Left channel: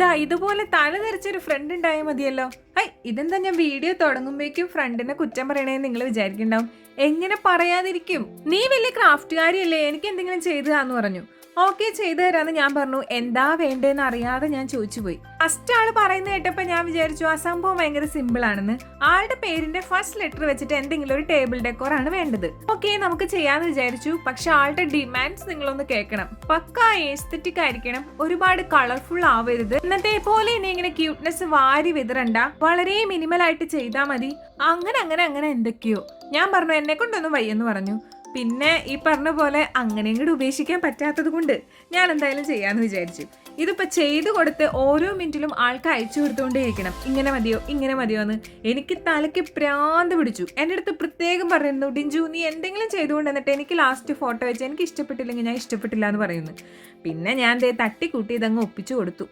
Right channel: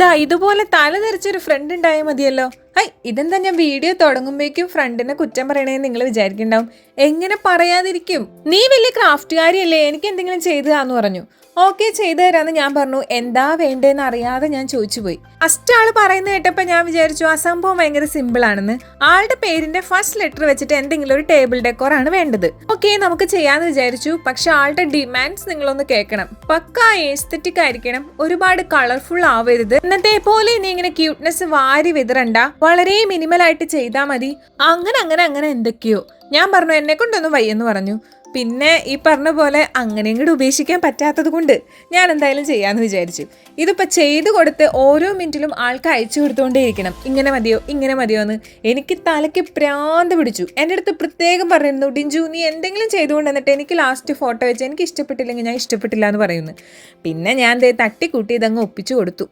ദാ ഇതുപോലെ തല തെറിച്ചൊരു ഫ്രണ്ട് ഉണ്ടായാൽ മതിയല്ലോ. ഹൈ ഇതെന്താ ഞാൻ വീഡിയോ തുടങ്ങുമ്പോഴേക്കും ഫ്രണ്ടിനെ കുറ്റം പറയണേന്ന് നിങ്ങൾ വിചാരിക്കണ്ടാവും എങ്ങനെ പറയാതിരിക്കും? നീ വലിയ ക്രാഫ്റ്റുകാരിയല്ലേ എനിക്ക് എന്തെങ്കിലും ചെയ്തു താന്ന് പറഞ്ഞു. ഓക്കെ ചെയ്തു തരാമെന്ന് ഞാൻ പറഞ്ഞു. എന്താ വേണ്ടതെന്ന് അറിയാതെ ഞാൻ ചോദിച്ചു പോയി. ഫസ്റ്റ് ആൾ പറയുന്നത് കേട്ടപ്പോൾ ഞാൻ വിചാരിച്ചു ആ സംഭവം ഭയങ്കര സിമ്പിൾ ആണെന്ന്. ആളുടെ പേരിന്റെ ഫസ്റ്റ് ലെറ്റർ വെച്ചിട്ട് എന്തെങ്കിലും ഒരു ടേബിൾ ഡെക്കോർ ആണ് വേണ്ടത്. ഓക്കെ നമുക്ക് ചെയ്യാന്ന് വിചാരിച്ചു. പക്ഷെ ആളുടെ ഡിമാൻഡ്സ് നിങ്ങളൊന്ന് കേൾക്കണം. പക്ക എസ്തറ്റിക് ആയിരിക്കണം. ഒരുപാട് കളർഫുൾ ആവരുത്. ഇന്നത്തെ പോലെ ഇനി ഇങ്ങനെ ക്യൂട്ട്നെസ് വാരി വിതറണ്ട. വളരെ മിനിമൽ ആയിട്ട് ചെയ്താൽ മതി. അങ്ങനെ അങ്ങനെ അങ്ങനെ എന്തൊക്കെയോ. ഞാൻ പറഞ്ഞു എന്നെ കൊണ്ടൊന്നും വയ്യെന്ന് പറഞ്ഞു. പിന്നെ ഈ പറഞ്ഞ പോലെ അങ്ങനെ ഇങ്ങോട്ട് ഉപേക്ഷിക്കാൻ പറ്റാത്തത് കൊണ്ട് ഞാൻ എന്തായാലും ചെയ്യാമെന്ന് വിചാരിച്ചു. ഇതിപ്പോൾ ചെയ്ത് കൊടുത്ത് ഓരോ മിനിറ്റിലും ആൾക്ക് അയച്ചു കൊടുത്തുകൊണ്ടേയിരിക്കണം ഇങ്ങനെ മതിയോ ഇങ്ങനെ മതിയോ എന്ന് എനിക്ക് തലയ്ക്ക് പ്രാന്ത് പിടിച്ചു. എന്റെ അടുത്ത് പ്രത്യേകം പറയുന്നു ഡിഞ്ചു നീ എന്തെങ്കിലും ചെയ്തുകൊണ്ട് എന്നിട്ട് എനിക്ക് ലാസ്റ്റ് ഫോട്ടോ വെച്ച് എനിക്ക് ഇഷ്ടപ്പെട്ടില്ലെങ്കിൽ ഞാൻ ഇഷ്ടപ്പെട്ടില്ല എന്ന് പറയുന്നു. പിന്നെ ഞാൻ തട്ടിക്കൂട്ടി ഇതങ്ങ് ഒപ്പിച്ചു കൊടുത്തു.